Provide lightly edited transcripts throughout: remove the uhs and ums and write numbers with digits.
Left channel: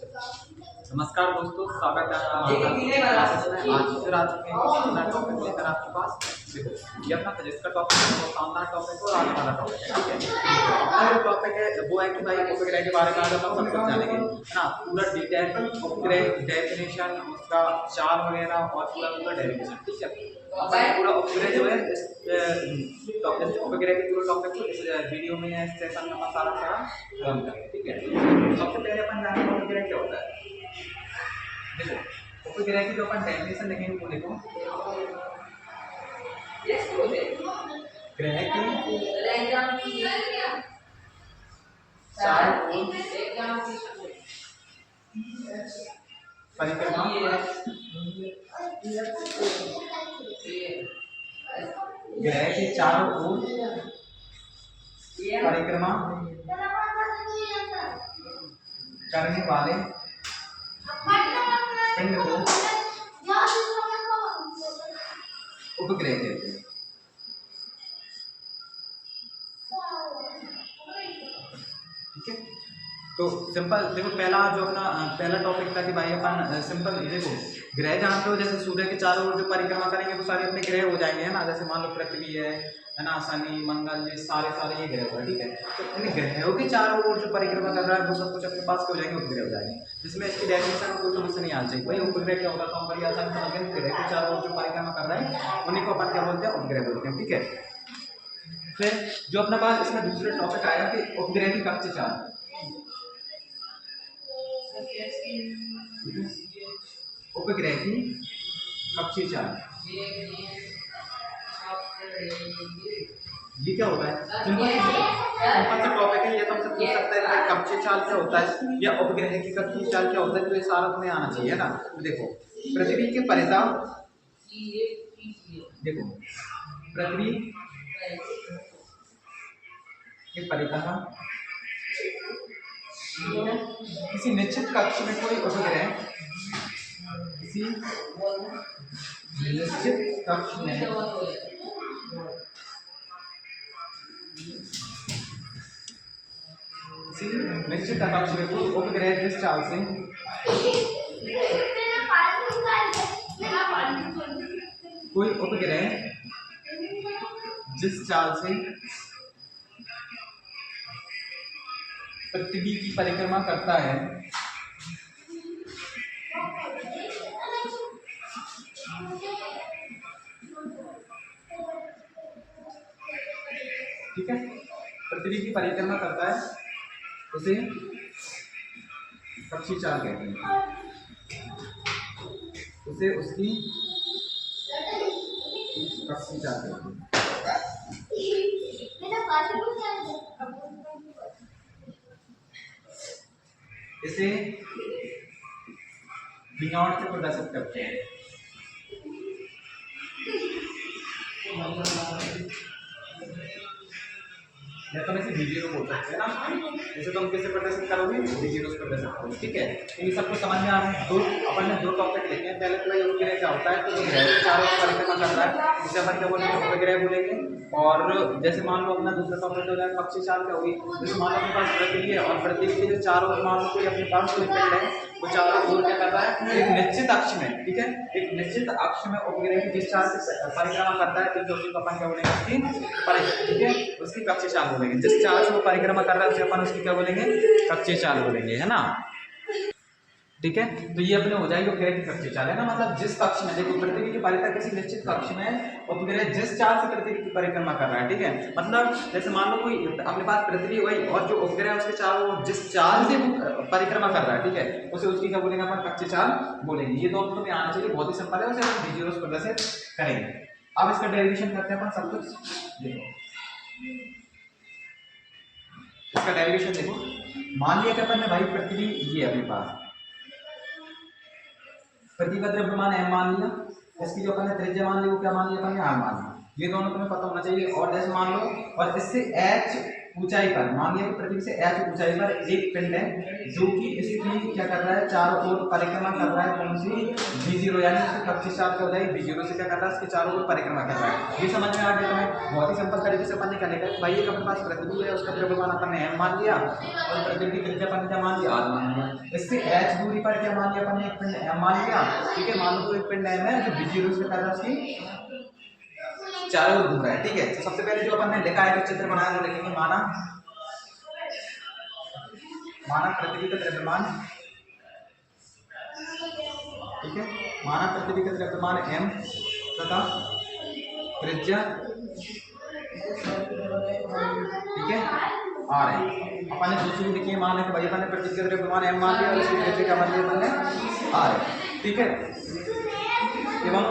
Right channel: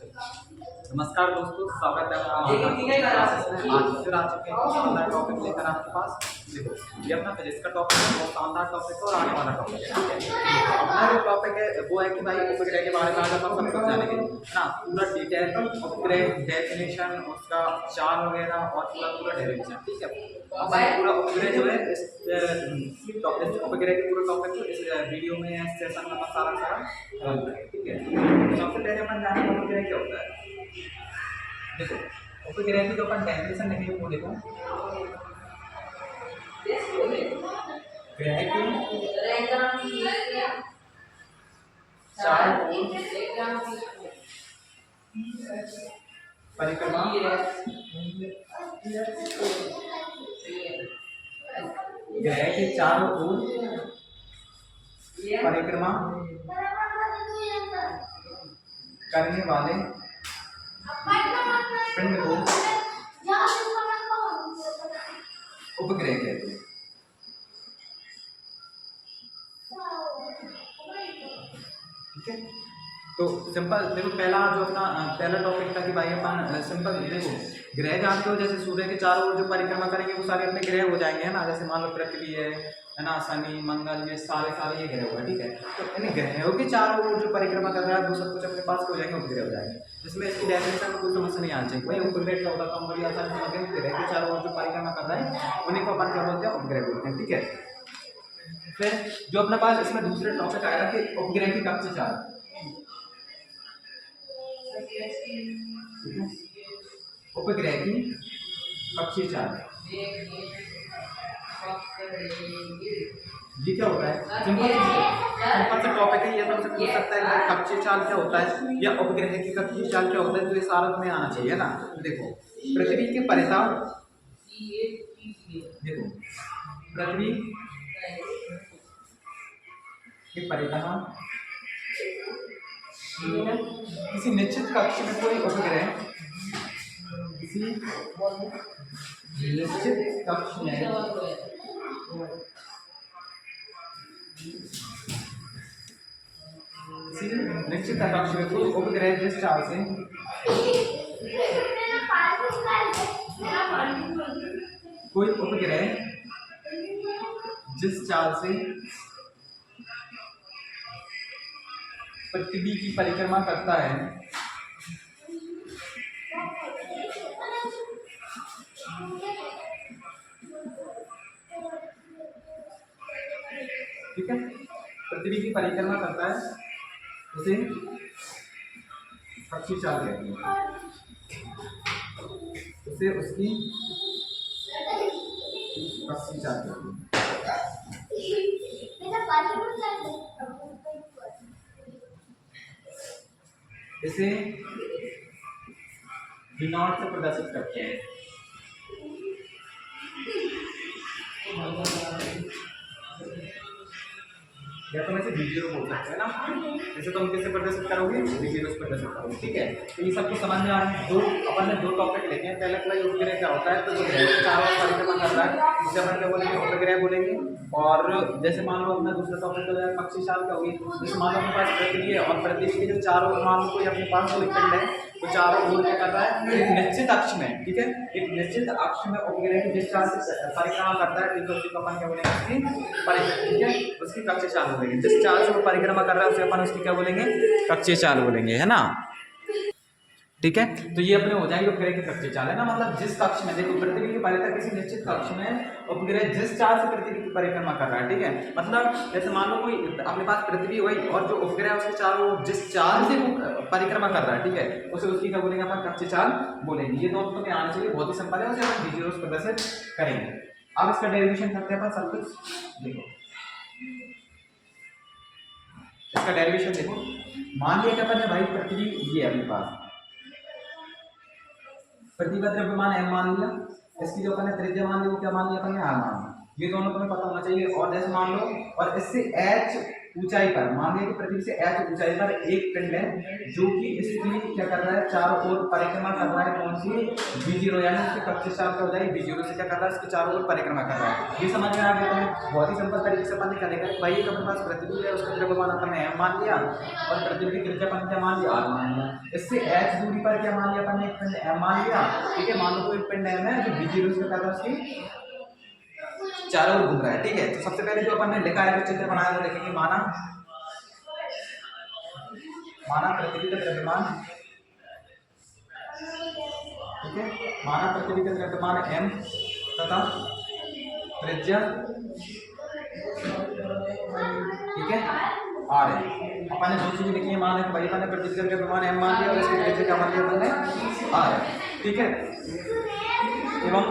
नमस्कार दोस्तों, स्वागत है आपका हमारे क्लासेस में। आज फिर आ चुके हैं शानदार टॉपिक लेकर आपके पास। देखो, ये अपना फिजिक्स का टॉपिक है, बहुत शानदार टॉपिक है और आने वाला टॉपिक है। ठीक है, अपना जो टॉपिक है वो है कि भाई उपग्रह के बारे में आज अपन सब कुछ जानेंगे, है ना। पूरा डिटेल उपग्रह, डेफिनेशन, उसका चार्ट वगैरह और पूरा पूरा डेरिवेशन। ठीक है, अपन पूरा उपग्रह जो है इस टॉपिक, उपग्रह के पूरे टॉपिक को इस वीडियो में, इस सेशन में अपन सारा खत्म करेंगे। ठीक है, सबसे पहले अपन जानेंगे उपग्रह क्या होता है। देखो, उपग्रह की जो अपन डेफिनेशन लिखेंगे वो देखो, ग्रह के चारों ओर परिक्रमा, ग्रह के चारों ओर परिक्रमा करने वाले पिंड को उपग्रह कहते हैं। ठीक है, तो सिंपल देखो, पहला जो अपना पहला टॉपिक था कि भाई अपन सिंपल देखो, ग्रह जानते हो, जैसे सूर्य के चारों ओर जो परिक्रमा करेंगे वो सारे अपने ग्रह हो जाएंगे, है ना। जैसे मान लो पृथ्वी है ना, शनि, मंगल, ये सारे ये ग्रह हुआ। ठीक है, तो इन ग्रहों के चारों ओर जो परिक्रमा कर रहा है वो सब कुछ अपने पास हो जाएंगे, उपग्रह हो जाएंगे। जिसमें इसकी डेफिनेशन में कोई समस्या नहीं आनी चाहिए। भाई उपग्रह क्या होता है, तो हम बड़ी आसानी समझ गए, ग्रह के चारों ओर जो परिक्रमा कर रहा है उन्हीं को अपन क्या बोलते हैं, उपग्रह बोलते हैं। ठीक है, फिर जो अपने पास इसमें दूसरे टॉपिक आया कि उपग्रह की कक्षीय चाल। उपग्रह की कक्षीय चाल ये क्या होता है, सिंपल सा टॉपिक है। ये तो हमसे पूछ सकता है कि भाई कक्षीय चाल क्या होता है या उपग्रह की कक्षीय चाल क्या होता है, तो ये सारा तुम्हें आना चाहिए ना। तो देखो, पृथ्वी के परितः, देखो पृथ्वी के परितः किसी निश्चित कक्ष में कोई उपग्रह, किसी निश्चित कक्ष में किसी निश्चित कक्ष में कोई उपग्रह जिस चाल से कोई उपग्रह जिस चाल से पृथ्वी की परिक्रमा करता है, ठीक है, पृथ्वी की परिक्रमा करता है उसे कक्षीय चाल कहते हैं, उसे उसकी कक्षीय चाल कहते हैं। इसे V0 से प्रदर्शित करते हैं। या तो इसे V0 बोल सकते हैं ना, जैसे तुम कैसे प्रदर्शित करोगे, V0 से प्रदर्शित करोगे। ठीक है, तो ये सबको समझ में आ रहा है। अपन ने दो टॉपिक लेके हैं। पहले तो ये उपग्रह क्या होता है, तो जो ग्रह के चारों ओर परिक्रमा कर रहा है उसे अपन क्या बोलेंगे, उपग्रह बोलेंगे। और जैसे मान लो अपना दूसरा टॉपिक हो जाएगा कक्षीय चाल क्या होगी, जैसे मान लो अपने पास पृथ्वी है और पृथ्वी के जो चारों ओर मान लो कोई अपने पास कोई पिंड है, वो चारों ओर क्या कर रहा है, एक निश्चित अक्ष में। ठीक है, एक निश्चित अक्ष में उपग्रह की जिस चाल से परिक्रमा करता है, तो उसी को अपन क्या बोलेंगे, उसकी परिक्रमा। ठीक है, उसकी कक्षीय चाल बोलेंगे। जिस चाल से वो परिक्रमा कर रहा है उसे अपन उसकी क्या बोलेंगे, कक्षीय चाल बोलेंगे, है ना। ठीक है, तो ये अपने हो जाएंगे उपग्रह की कक्षीय चाल, है ना। मतलब जिस कक्ष में, देखो पृथ्वी के परितः किसी निश्चित कक्ष में उपग्रह जिस चाल से पृथ्वी की परिक्रमा कर रहा है। ठीक है, मतलब जैसे मान लो कोई अपने पास पृथ्वी हुई और जो उपग्रह उसके चारों जिस चाल से वो परिक्रमा कर रहा है, ठीक है, उसे उसकी क्या बोलेंगे, अपन कक्षीय चाल बोलेंगे। ये दोनों तुम्हें आना चाहिए, बहुत ही सिंपल है, उसे हम V0 प्रदर्शित करेंगे। अब इसका डेरिवेशन करते हैं अपन सब कुछ। देखो इसका डेरिवेशन देखो, मान लिया कि अपन ने भाई पृथ्वी ये अपने पास पृथ्वी का द्रव्यमान m मान लिया, इसकी जो अपन ने त्रिज्या मान ली वो क्या मान लिया अपन ने, r मान लिया। ये दोनों तुम्हें पता होना चाहिए। और जैसे मान लो, और इससे h ऊंचाई पर, मान लिया कि पृथ्वी से h ऊंचाई पर एक पिंड है जो कि इसकी क्या कर रहा है, चारों ओर परिक्रमा कर रहा है। कौन सी? v0, यानी इसकी कक्षीय चार्ज क्या हो जाएगी, v0 से क्या कर रहा है, इसके चारों ओर परिक्रमा कर रहा है। ये समझ में आ गया तुम्हें? बहुत ही सिंपल तरीके से अपन ने क्या लिखा है, भाई एक अपने पास पृथ्वी है, उसका द्रव्यमान अपन ने m मान लिया और पृथ्वी की त्रिज्या अपन ने क्या मान लिया, r मान लिया। इससे h दूरी पर क्या मान लिया अपन ने, एक पिंड m मान लिया। ठीक है, मान लो तो एक पिंड m है जो v0 से कर रहा है उसकी चारों ओर घूम रहा है। ठीक है, तो सबसे पहले जो अपन ने लिखा है, चित्र बनाया तो लिखेंगे माना पृथ्वी का द्रव्यमान। ठीक है, माना पृथ्वी का द्रव्यमान m तथा त्रिज्या, ठीक है, r है। अपन ने दो चीजें लिखी है, माना कि भाई अपन ने पृथ्वी का द्रव्यमान m मान लिया और इसकी त्रिज्या क्या मान लिया अपन ने, r है। ठीक है, एवं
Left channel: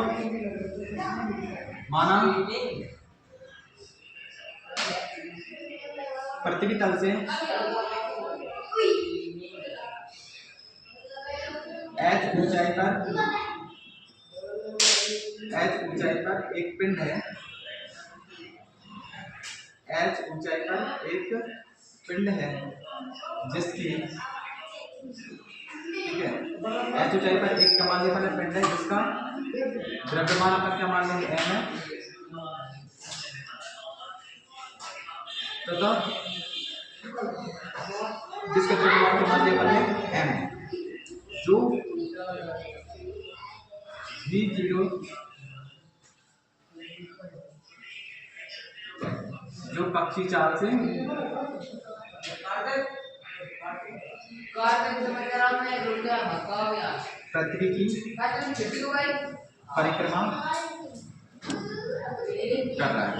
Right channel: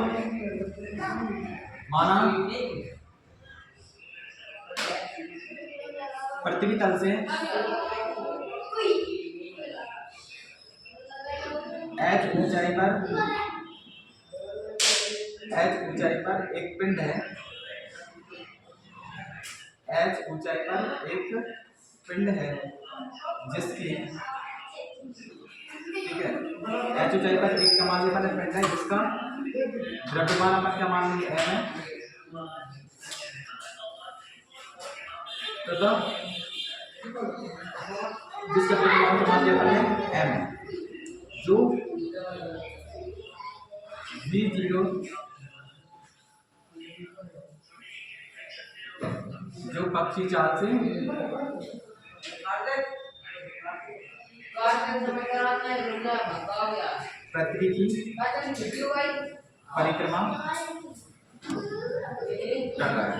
माना पृथ्वी तल से h ऊंचाई पर एक पिंड है, h ऊंचाई पर एक पिंड है जिसकी, ठीक है, h ऊंचाई पर एक क्या मान लिया पिंड है जिसका द्रव्यमान अपन क्या मान लेंगे, m है। तो जिसका द्रव्यमान क्या मान लिया अपन ने, m, जो v0 जो कक्षीय चार्ज से पृथ्वी की परिक्रमा कर रहा है।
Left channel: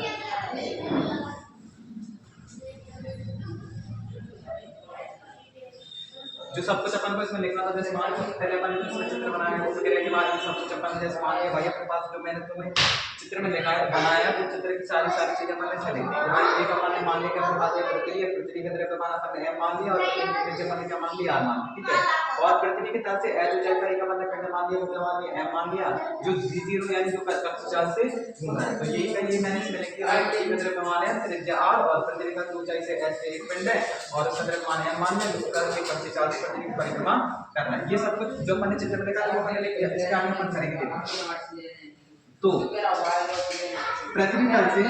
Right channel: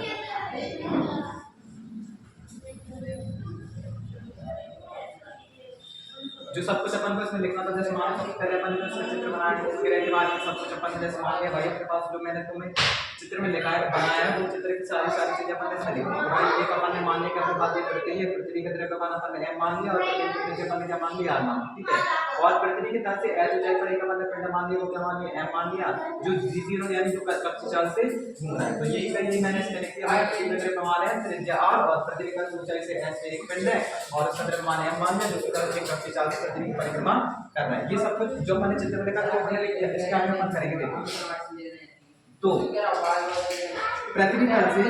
जो सब कुछ अपन को इसमें लिखना था, जैसे मान सबसे पहले अपन ने इसमें चित्र बनाया है, उसके के बाद सब कुछ अपन जैसे मान लिया भाई अपने पास जो मैंने तुम्हें चित्र में लिखा है बनाया है, वो चित्र की सारी चीजें अपन ने इसमें लिखी है। भाई एक अपन ने मान लिया कि अपने पास ये पृथ्वी है, पृथ्वी का द्रव्यमान अपन ने m मान लिया और पृथ्वी की त्रिज्या अपन ने क्या मान लिया, r मान लिया। ठीक है, और पृथ्वी के तल से h ऊंचाई पर एक अपन ने पिंड मान लिया, वो क्या मान लिया, m मान लिया, जो v0 यानी जो कक्षीय चार्ज से घूम रहा है। तो ये मैंने इसमें लिख दिया है, पृथ्वी का द्रव्यमान है, त्रिज्या r, और पृथ्वी का ऊंचाई से h पे एक पिंड है और उसका द्रव्यमान m मान लिया, जो कक्षीय चार्ज से पृथ्वी की परिक्रमा कर रहा है। ये सब कुछ जो मैंने चित्र में लिखा है वो मैंने लिख दिया, इसके आगे अपन करेंगे। देखो तो पृथ्वी तल से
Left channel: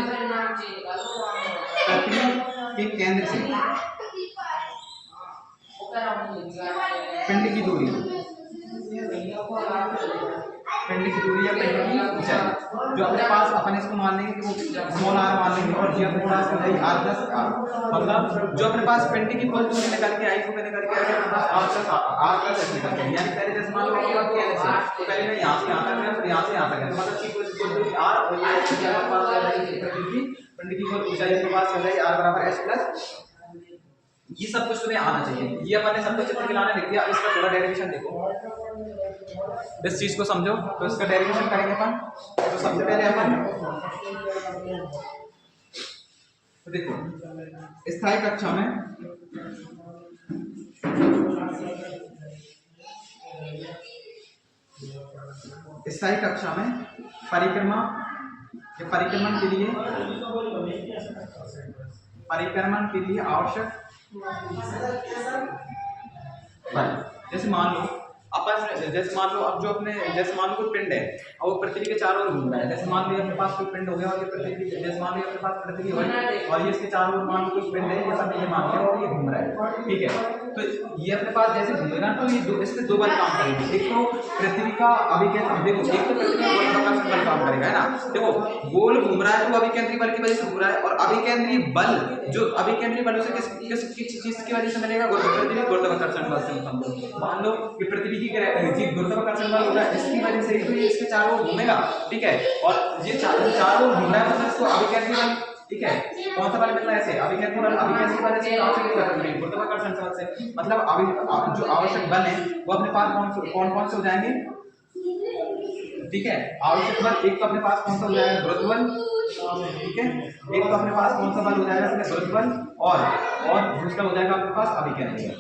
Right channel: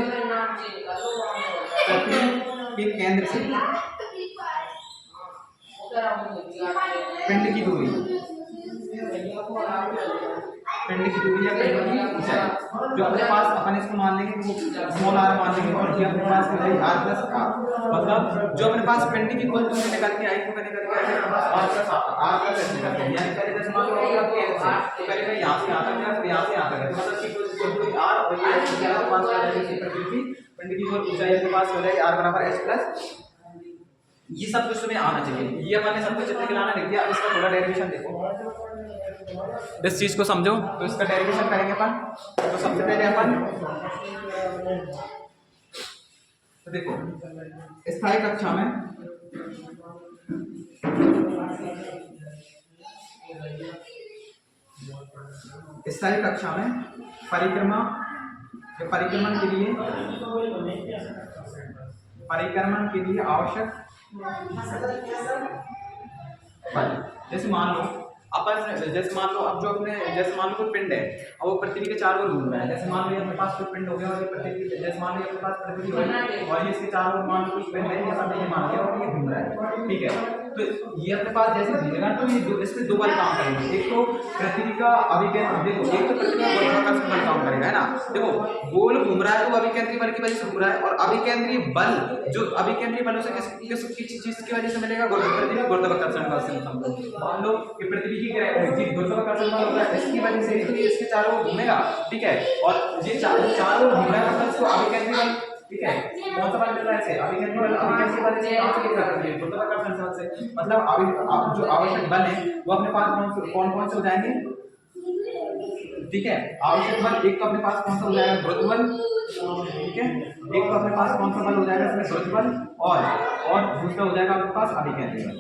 पृथ्वी के केंद्र से पिंड की दूरी या पिंड की ऊंचाई जो अपने पास, अपन इसको मान लेंगे कि वो स्मॉल r मान लेंगे और ये अपने पास हो जाएगी r प्लस r। मतलब जो अपने पास पिंड की कुल दूरी निकल के आई वो निकल के आएगा अपने पास r प्लस h निकल के, यानी पहले जैसे मान लो अपन केंद्र से तो पहले मैं यहां से यहां तक गया, फिर यहां से यहां तक गया, तो मतलब कि कुल दूरी r और ये h के पास आ जाएगी पिंड की कुल ऊंचाई के पास हो जाएगी r बराबर h प्लस। ये सब कुछ तुम्हें आना चाहिए, ये अपन ने सब कुछ चित्र के लाना लिख दिया। अब इसका थोड़ा डेरिवेशन देखो, इस चीज को समझो। तो इसका डेरिवेशन करेंगे अपन। तो सबसे पहले अपन तो देखो स्थायी कक्षा में परिक्रमण के लिए आवश्यक बल, जैसे मान लो अब जो अपने जैसे मान लो कोई पिंड है और वो पृथ्वी के चारों ओर घूम रहा है। जैसे मान लो अपने पास कोई पिंड हो गया और ये पृथ्वी, जैसे मान लो अपने पास पृथ्वी हो और ये इसके चारों ओर मान लो कोई पिंड है, ये सब ये मान लिया और ये घूम रहा है। ठीक है, तो ये अपने पास जैसे घूमेगा तो ये इसमें दो बल काम करेंगे। एक तो पृथ्वी का अभिकेंद्री, देखो एक तो पृथ्वी का गुरुत्वाकर्षण बल काम करेगा, है ना। देखो गोल घूम रहा है तो अभिकेंद्री बल की वजह से घूम रहा है, और अभिकेंद्री बल जो अभिकेंद्री बल उसे किस चीज की वजह से मिलेगा, पृथ्वी गुरुत्वाकर्षण बल से। मान लो कि पृथ्वी की गुरुत्वाकर्षण बल होगा, इसकी वजह से तो ये इसके चारों ओर घूमेगा। ठीक है, और ये चारों ओर घूम रहा है मतलब इसको अभिकेंद्री बल, ठीक है, कौन सा बल मिल रहा है इसे, अभिकेंद्री बल से कहां से मिल रहा है, गुरुत्वाकर्षण बल से। मतलब जो आवश्यक बल है वो अपने पास कौन से हो जाएंगे। ठीक है, आवश्यक बल एक तो अपने पास कौन सा हो जाएगा, गुरुत्व बल। ठीक है, एक तो अपने पास कौन सा बल हो जाएगा इसमें, गुरुत्व बल, और दूसरा हो जाएगा आपके पास अभिकेंद्री बल।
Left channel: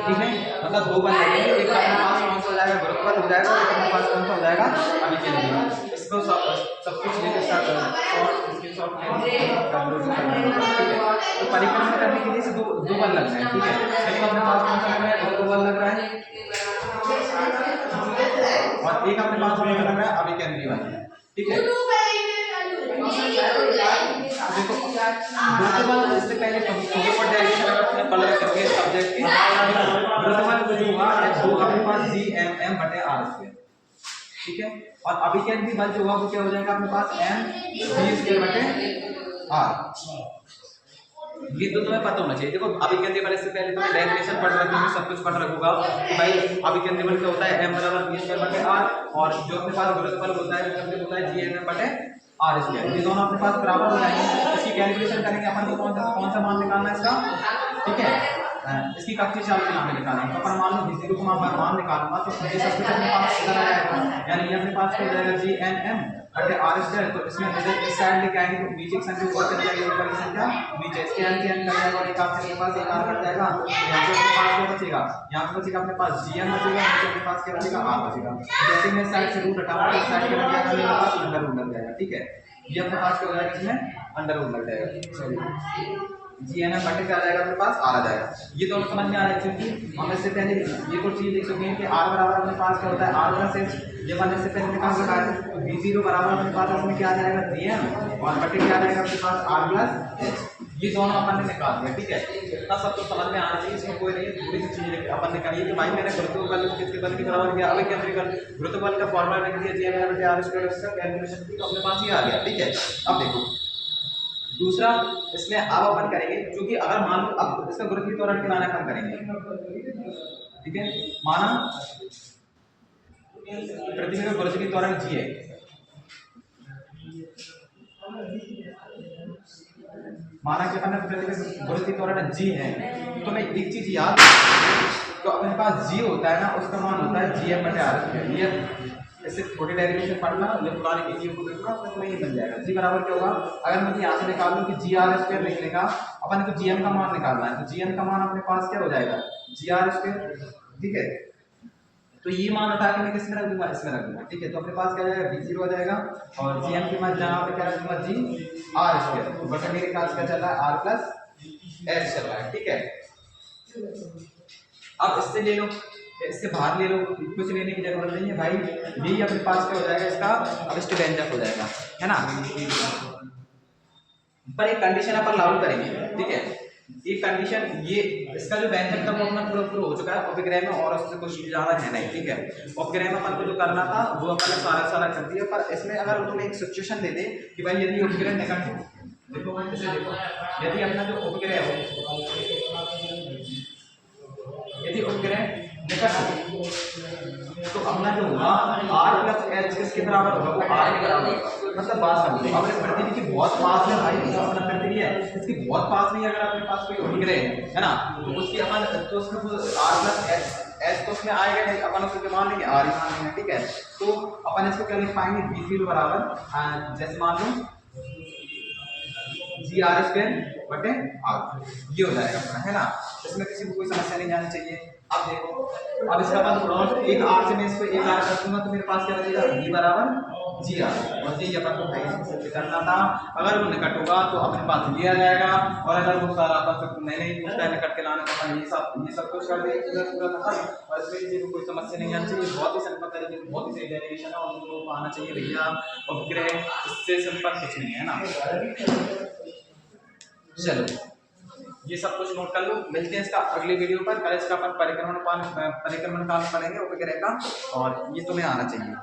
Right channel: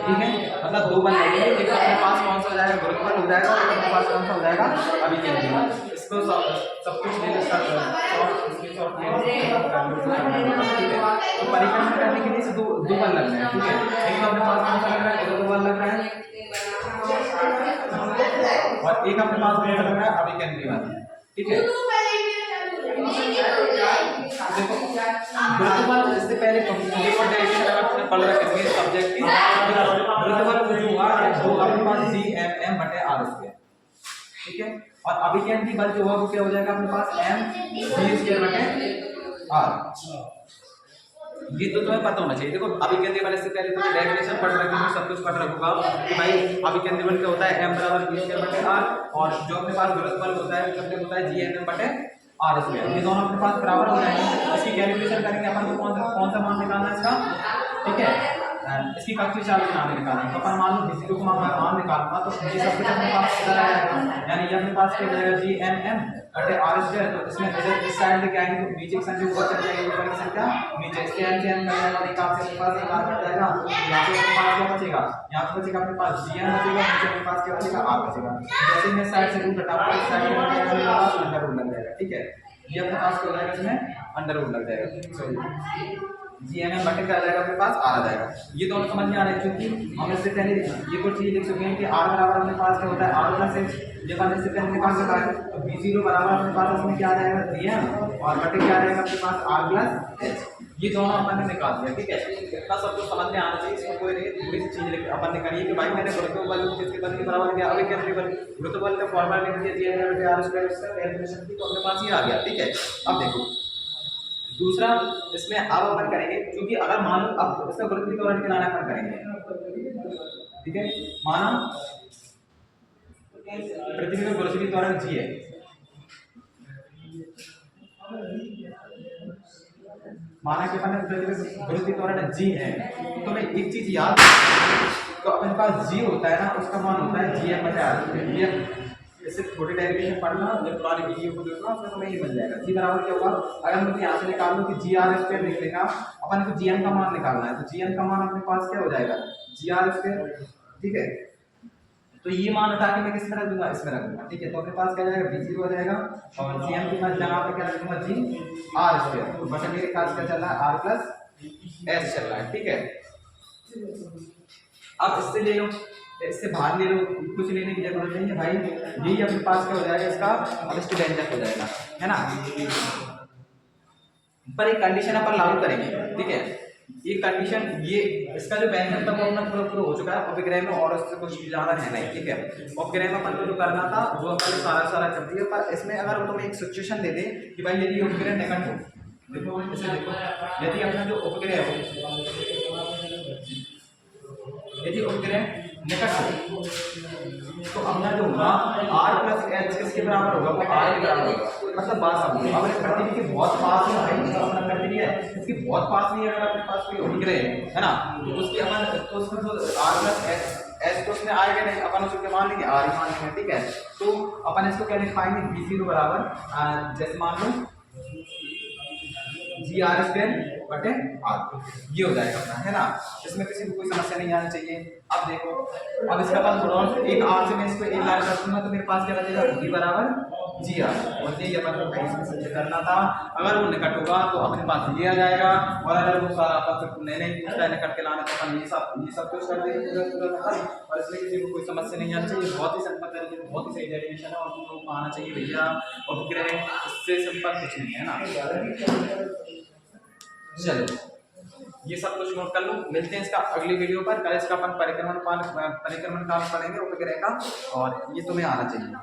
ठीक है, मतलब दो बल लगेंगे, एक अपने पास कौन सा हो जाएगा, गुरुत्व बल हो जाएगा, और एक अपने पास कौन सा हो जाएगा, अभिकेंद्री बल। इसको सब कुछ ले इसका स्क्रीनशॉट कर लो जो करना है, ठीक है। तो परिक्रमण करने के लिए से दो बल लगना है, ठीक है। लेकिन अपने पास कौन सा लग रहा है, दो बल लग रहा है, और एक अपने पास कौन सा लग रहा है, अभी केंद्रीय वाला, ठीक है। देखो गुरुत्वाकर्षण इससे पहले थोड़ी पढ़ जाएगी, अगर आपने पढ़ रखा है सब्जेक्ट की गुरुत्वाकर्षण कुछ हुआ दो अपने पास Gm/r², ठीक है। और अभिकेंद्री बल जो हुआ वो क्या हो जाएगा अपने पास mv²/r। ये तो तुम्हें पता होना चाहिए। देखो अभिकेंद्री बल, इससे पहले तुम्हें डेफिनेशन पढ़ रखी है, सब कुछ पढ़ रखूंगा कि भाई अभिकेंद्री बल क्या होता है, m/v²/r, और जो अपने पास गुरुत्व बल होता है वो होता है Gm/r²। ये दोनों अपने पास बराबर हो जाएंगे। इसकी कैलकुलेशन करेंगे अपन को, कौन सा मान निकालना है इसका, ठीक है। इसकी कक्षीय चाल के नाम निकालना है, तो अपन मान लो v0 को मान निकालूंगा, तो ये सब कुछ अपने पास इधर आ जाएगा, यानी ये अपने पास क्या हो जाएगा Gm/r²। तो इसमें जैसे इस साइड लेके आएंगे तो नीचे की संख्या ऊपर चली जाएगी, ऊपर की संख्या नीचे, इसके यहाँ से हम कर जाएगा, एक आपसे के पास एक r बच जाएगा, यहाँ पे अपने पास क्या बचेगा, यहाँ पे बचेगा अपने पास Gm बचेगा, नीचे अपने पास क्या बचेगा, r बचेगा। जैसे मैं साइड से रूट हटाऊंगा, इस साइड में मेरे पास अंडर रूट लग जाएगा, ठीक है। ये अपने पास क्या हो जाएगा, इसमें अंडर रूट लग जाएगा, सॉरी Gm बटे क्या आ जाएगा अपने पास, r आ जाएगा। ये दोनों समझ में आ रहा है, क्योंकि हम इससे पहले ये कुछ चीज लिख चुके हैं कि r बराबर अपने पास क्या होता है, r+h। ये अपन इससे पहले निकाल चुका है, तो v0 बराबर अपने पास इसमें क्या आ जाएगा, Gm, और बटे क्या आ जाएगा अपने पास r+h। ये दोनों अपन ने निकाल दिया, ठीक है। इतना सब कुछ समझ में आना चाहिए, इसमें कोई नहीं थोड़ी सी चीज अपन ने करी है कि भाई मैंने गुरुत्व बल किसके बल के बराबर किया, अभिकेंद्री बल, गुरुत्व बल का फॉर्मूला लिख दिया Gm/r², उसका कैलकुलेशन की, तो अपने पास ये आ गया, ठीक है। अब देखो दूसरा, इसमें अब अपन करेंगे, क्योंकि अगर मान लो अब इसका गुरुत्वीय त्वरण के नाम करेंगे, ठीक है। माना पृथ्वी का गुरुत्वीय त्वरण g है, माना कि अपन पृथ्वी का गुरुत्वीय त्वरण g है, तो मैं एक चीज याद, तो अपने पास g होता है ना, उसका मान होता है Gm/r²। ये इससे छोटी डेरिवेशन पढ़ना, ये पुरानी वीडियो को देखना, उसमें तुम्हें ये मिल जाएगा। g बराबर क्या होगा, अगर मुझे यहाँ से निकाल लूँ कि Gr² निकलेगा, अपन को Gm का मान निकालना है, तो Gm का मान अपने पास क्या हो जाएगा, Gr², ठीक है। तो ये मान उठा के मैं किस में रख दूंगा, इसमें रख दूंगा, ठीक है। तो अपने पास क्या हो जाएगा, v0 हो जाएगा, और Gm की मान जहाँ पे क्या रख दूंगा, Gr², तो बटा मेरे पास क्या चल रहा है, r+s चल रहा है, ठीक है। अब इससे ले लो, इससे बाहर ले लो, कुछ लेने की जरूरत नहीं है भाई, यही अपने पास क्या हो जाएगा इसका, अब इसके व्यंजक हो जाएगा, है ना। पर एक कंडीशन अपन लागू करेंगे, ठीक है। ये कंडीशन, ये इसका जो व्यंजक था वो अपना पूरा हो चुका है उपग्रह में, और उससे कुछ ज्यादा है नहीं, ठीक है। उपग्रह में अपन को जो करना था वो अपन ने सारा कर दिया, पर इसमें अगर तुम्हें एक सिचुएशन दे दे कि भाई यदि उपग्रह निकट हो, देखो यदि अपना जो उपग्रह हो, यदि उपग्रह निकट हो, तो अपना जो होगा r+h किसके बराबर होगा, वो r के बराबर होगा। मतलब बात समझो, अगर इस पृथ्वी के बहुत पास में भाई, अपना पृथ्वी है, इसके बहुत पास में अगर अपने पास कोई उपग्रह है ना, तो उसकी अपन, तो उसमें तो r+h तो उसमें आएगा नहीं, अपन उसको मान लेंगे r ही मान लेंगे, ठीक है। तो अपन इसको क्या लिख पाएंगे, v0 बराबर जैसे मान लो Gr²/r, ये हो जाएगा अपना, है ना। इसमें किसी को कोई समस्या नहीं आनी चाहिए। अब देखो, अब इसका पास थोड़ा एक r से मैं इसको एक r कर दूंगा, तो मेरे पास क्या बचेगा, v बराबर Gr, और ये अपन को इसमें सिद्ध करना था। अगर वो निकट होगा तो अपने पास ये आ जाएगा, और अगर वो सारा अपन सबको नए पूछता है निकट के लाने, तो अपन ये सब कुछ कर देंगे पूरा खत्म, और इसमें किसी को कोई समस्या नहीं आनी चाहिए। बहुत ही सिंपल तरीके, बहुत ही सही डेरिवेशन है, और तुम लोगों को आना चाहिए भैया उपग्रह, इससे सिंपल कुछ नहीं है ना। चलो ये सब कुछ नोट कर लो, मिलते हैं इसका अगली वीडियो पर। कल इसका अपन परिक्रमण काल पढ़ेंगे उपग्रह का, और ये तुम्हें आना चाहिए।